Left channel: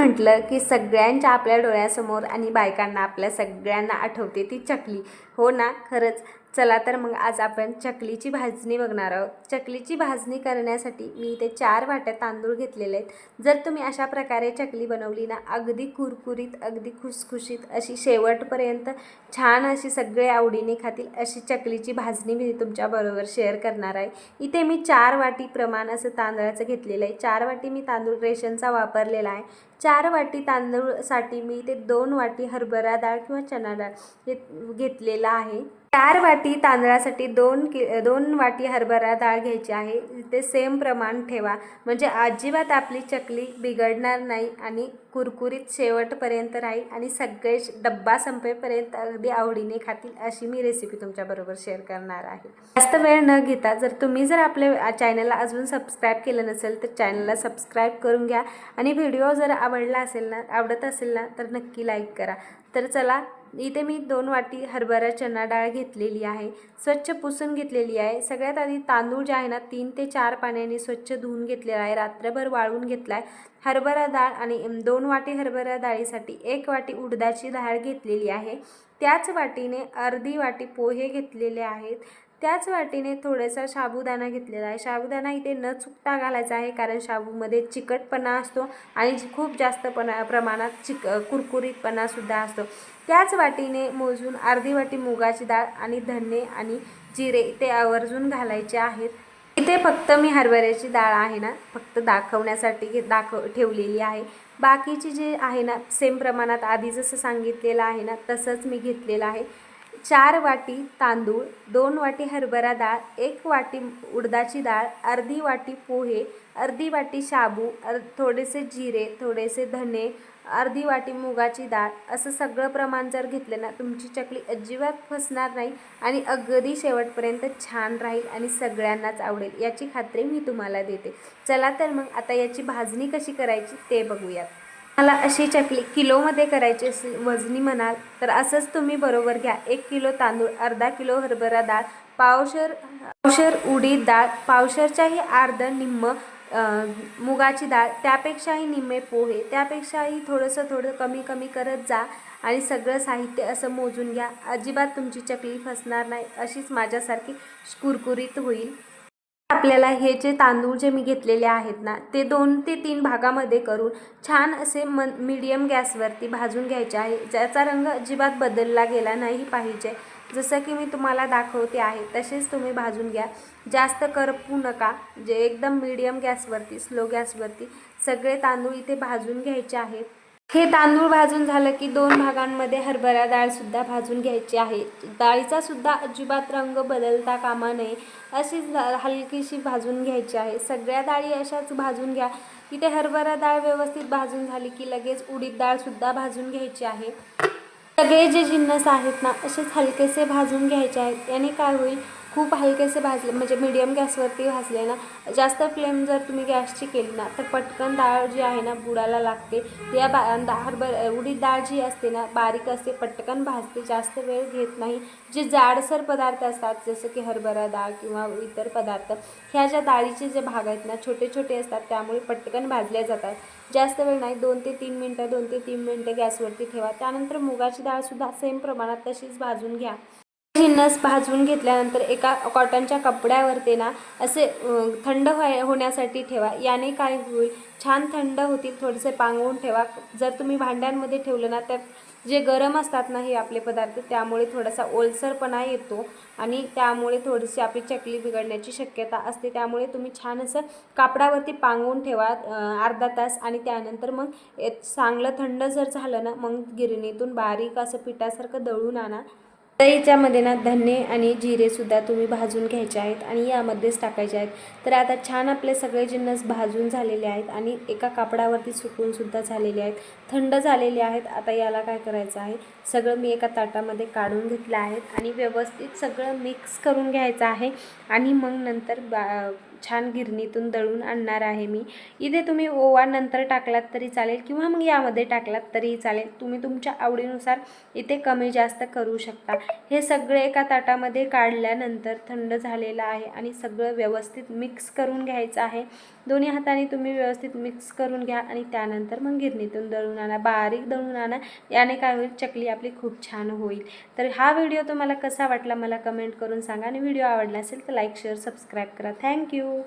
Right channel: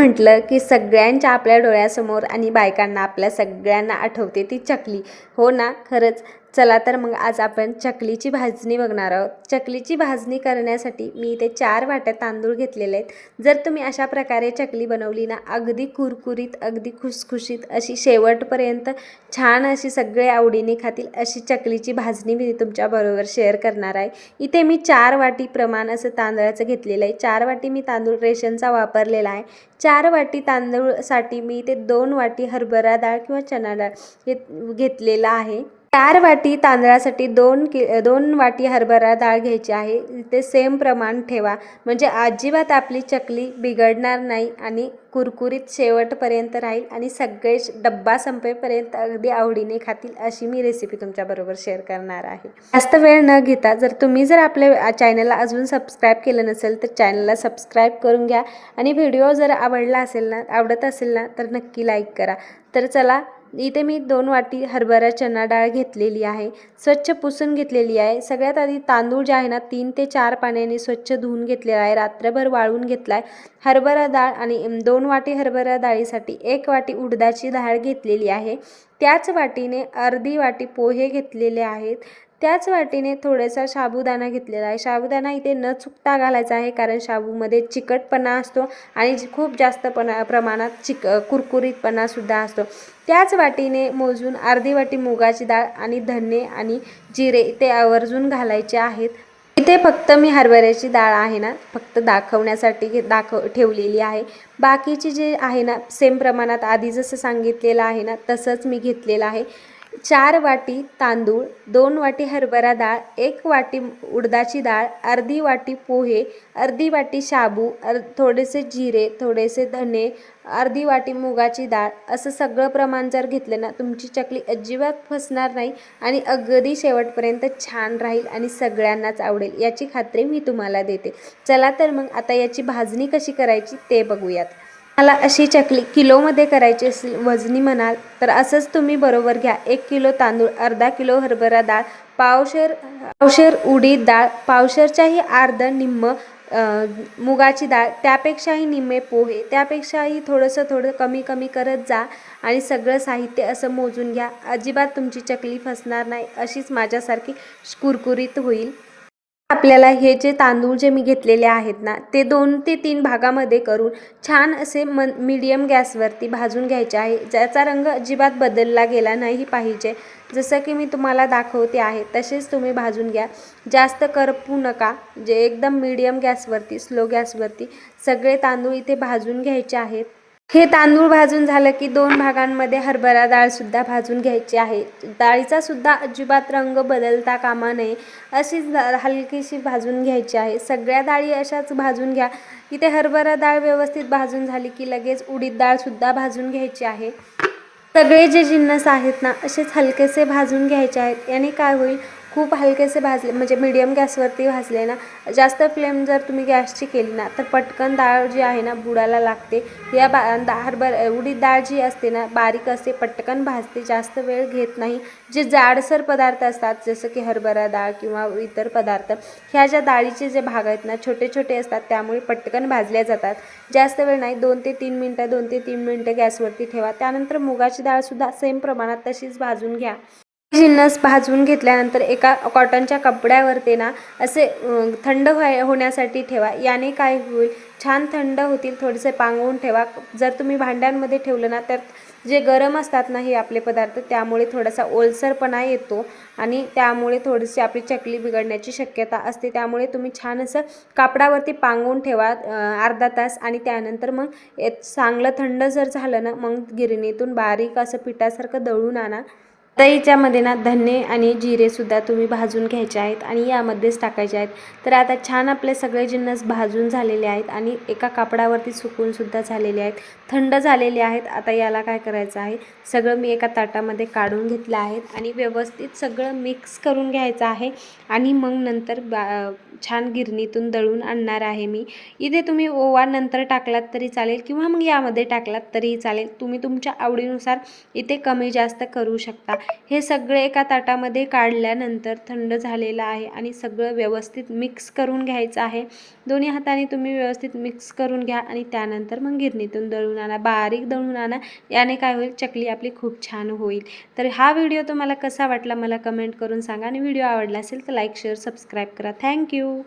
म्हटलं की सगळ्यांच्या आपल्या डोळ्यासमोर आणि बायकांना आपल्या सगळ्यांना आठवते ती चकली. हो ना? खरंच. चला तर मग आज आपण चकलीची भाजणी बघणार आहोत. चकलीची भाजणी करण्यासाठी मी इथे चार वाट्या तांदूळ घेतलेले आहेत. जर तुम्ही अशा प्रकारे चकली बनवली ना अगदी कुरकुरीत अगदी खुसखुशीत अशी शेवटपर्यंत छान अशी सगळे आवडीने खातील अशी चकलीची भाजणी मी तुमच्याबरोबर शेअर करणार आहे. इथे मी चार वाटी प्रमाण असं तांदळाचं घेतलेलं आहे. चार वाटी मी तांदूळ रेशनचा वापरलेला आहे. चार वाटी तांदूळसाठी मी इथे दोन वाटी हरभरा डाळ किंवा चणा डाळ घेत घेतलेला आहे. चार वाटी तांदळासाठी दोन कि दोन वाटी हरभरा डाळ घ्यायची आहे. ते सेम प्रमाण ठेवा. म्हणजे अजिबात आपली चकली बिघडणार नाही आणि कुरकुरीत शेवटपर्यंत राहील आणि सगळे डब्बा संपेपर्यंत अगदी आवडीने खातील अशी मी रेसिपी तुमच्याबरोबर शेअर करणार आहे. जास्त वेळ न घेता जर तुम्ही जर आपल्या चॅनलला अजून सबस्क्राईब केलं नसेल तर चॅनलला सबस्क्राईब करून घ्या. आणि व्हिडिओ जर आवडला असेल ना आवडत असेल ना तर नक्की लाईक करा. तर चला इथे मी दोन वाटी हरभरा चणा डाळ घेतलेली आहे. स्वच्छ पुसून घेतलेली आहे. सगळ्यात आधी तांदूळ जे आहे ना तीन ते चार पाण्याने स्वच्छ धुवून घेतलेला आहे. रात्रभर वाळून घेतला आहे हरभरा डाळ आणि दोन वाटी हरभरा डाळीसाठी एक वाटी उडदाची डाळ घेतलेली आहे. त्याच वाटीने अर्धी वाटी पोहे घेतलेले आहेत. त्याच वाटीने थोडासा साबुदाणा घेतलेला आहे. साबुदाणा इथे न चुकता घालायचा आहे कारण शाबूमध्ये चिकटपणा असतो आणि खूप जास्त पणा प्रमाणात चिक कुरकुरीतपणासुद्धा असतो. त्याच वाटीने मोजून अर्धी वाटी मुगाची डाळ आणि धने आणि जिरे ते आवर्जून घालायचे आहेत. इथे फक्त मी हरभऱ्याची डाळ आहे ना फक्त दाखवण्यासाठी घे दाखव ठेवलेली आहे. बाकीची जे आहे ना सेम प्रमाणात आधी जसं सांगितलेलं आहे ना तसंच मी घेतलेलं आहे. चार वाटी तांदूळ दोन वाटी हरभरा डाळ एक वाटी उडदाची डाळ अर्धी वाटी पोहे अर्धी वाटी शाबू अर थोडेसे जिरे थोडेसे धने अर्धी वाटी मुगाची डाळ असं सगळं प्रमाण जर घेतलं ना तुमची चकली अजिबात फसणार नाही आणि अगदी शेवटपर्यंत छान राहील आणि सगळ्यांनाच आवडेल. याची खात्री मी तुम्हाला देते. चला तर मग आता याची भाजणी कशी करायची ते बघूयात. मला अशी चकली किलोमध्ये करायची असेल वजनी म्हणाल तर असंच तुम्ही बरोबर घ्या. एक किलो तांदूळ अर्धा किलो हरभरा डाळ पावशर पावशर उडीद डाळ पावशरच्याही अर्ध निम्म मुगाची डाळ त्यापेक्षाही निम्मे पोहे त्यापेक्षाही थोडंसं थोडं कमी कमी करत जा आणि सगळं साहित्य असं मोजून घ्या. अजिबात तुमची चकली फसणार नाही अशीच माझ्यासारखी कुरकुरीत होईल. आपल्याला हे जे तांदूळ जे मी घेतलेले आहेत ना ते दोन ते तीन भागामध्ये करून छान असे मन मीडियम गॅसवरती भाजून घ्यायचे आहे. ज्याचा रंग अजिबात बदलला गेला नाही पाहिजे. जसं की मी तुम्हाला दाखवते आहे तसेच तुम्ही भाजून घ्या. जास्त करपू नका. जे एकदम मीडियम गॅसवरती स्लो गॅसवरती सगळे तांदूळ इथे भाजून घ्यायचे आहेत. हे तांदूळ भाजून झालं की दोन भागांमध्ये हरभरा डाळसुद्धा भाजून घ्यायची आहे. डाळीचा सुद्धा अजिबात रंग बदलता कामा नये अशीच हलकीशी भाजून घ्यायची आहे. सगळ्या डाळी अशाच भाजून घ्या. इथे हरभरा डाळ व्यवस्थित भाजून झाली की लगेच उडीद डाळसुद्धा भाजून घ्यायची आहे. सगळे जे जिन्नस आहेत ना असेच हलकेसे भाजून घ्यायचे आहेत. याने काय होईल? खूप हलकेसे भाजले म्हणजे मीडियम गॅसवरती भाजले ना जास्त फ्लेम जर तुम्ही गॅसची केली ना तर पटकन डाळ जी आहे ना बुडाला लागते. या बा हरभर उडीद डाळ जी असते ना बारीक असते पटकन भाजते जास्त वेळ घेत नाही. जे जाडसर पदार्थ असतात जसं की हरभरा डाळ किंवा इतर पदार्थ ह्या ज्या डाळीचे जे भाग आहेत ना छोटे छोटे असतात त्यामुळे पटकन भाजल्या जातात. जास्त वेळ नाही दोन ते तीन मिनटं दोन ते तीन मिनटं गॅसवरती ठेवा. त्यानंतर मुगाची डाळसुद्धा सेम प्रमाणात तशीच भाजून घ्या. जिन्नस भाजून घेतल्यानंतर एका कॉटनच्या कपड्यावरती ना असे थंड व्हाय होण्यासाठी ठेवा. याने काय होईल? छान थंड होतील थोडेसे पांगवून ठेवा. जर तुम्ही भांड्यांमध्ये ठेवलं ना तर जे गरम असतात ना हे आपले पदार्थ त्यामुळे थोडासा ओलसरपणा येतो आणि त्यामुळे थोडीशी आपली चकली बिघडण्याची शक्यता असते. त्यामुळे तुम्ही छान असं कापडावरती पांगवून ठेवा अर्धा तास आणि त्यानंतर मग चांगलं थंड जर झालं ना मग गिरणीतून बारीक असं पिठासारखं दळून आणा. तर याच्यामध्ये ना धने आणि जिरेसुद्धा तुम्ही भाजून घ्यायचे आहेत आणि यामध्येच टाकायचे आहेत. तर आता छान आपले सगळे जिन्नस भाजून झालेले आहेत आणि एका कापडावरती सुकूनसुद्धा झालेले आहेत. थंड झालेले आहेत. आता याला काय करायचं आहे? सगळं मी एका ताटामध्ये काढून घेतलं आहेत आणि व्यवस्थित सगळं मिक्स करून घ्यायचं आहे आणि मग नंतर बा छान गिरणीतून दळून आणणार आहे मी. इथे तुम्ही ओवा नंतर टाकलात तरी चालेल किंवा मग यामध्ये टाकलात तरीही चालेल. तुम्ही तुमच्या आवडीनुसार इथे कमी जास्त करू शकता. हे सगळे एका ताटामध्ये काढल्यानंतर थंड झालेलं आहे आणि सगळं व्यवस्थित मिक्स करून घ्यायचं आहे. दोन्ही हाताने तुम्ही व्यवस्थित मिक्स करून घ्या आणि त्यानंतर मग गिरणीतून दळून आणा. बारीक दळून आणा. याने काय होईल? चकली आपली खूप छान होईल. तर हा व्हिडिओ तुम्हाला कसा वाटला मला कमेंट करून सांगा आणि व्हिडिओ आवडला असेल तर लाईक शेअर सबस्क्राईब करा. Thank you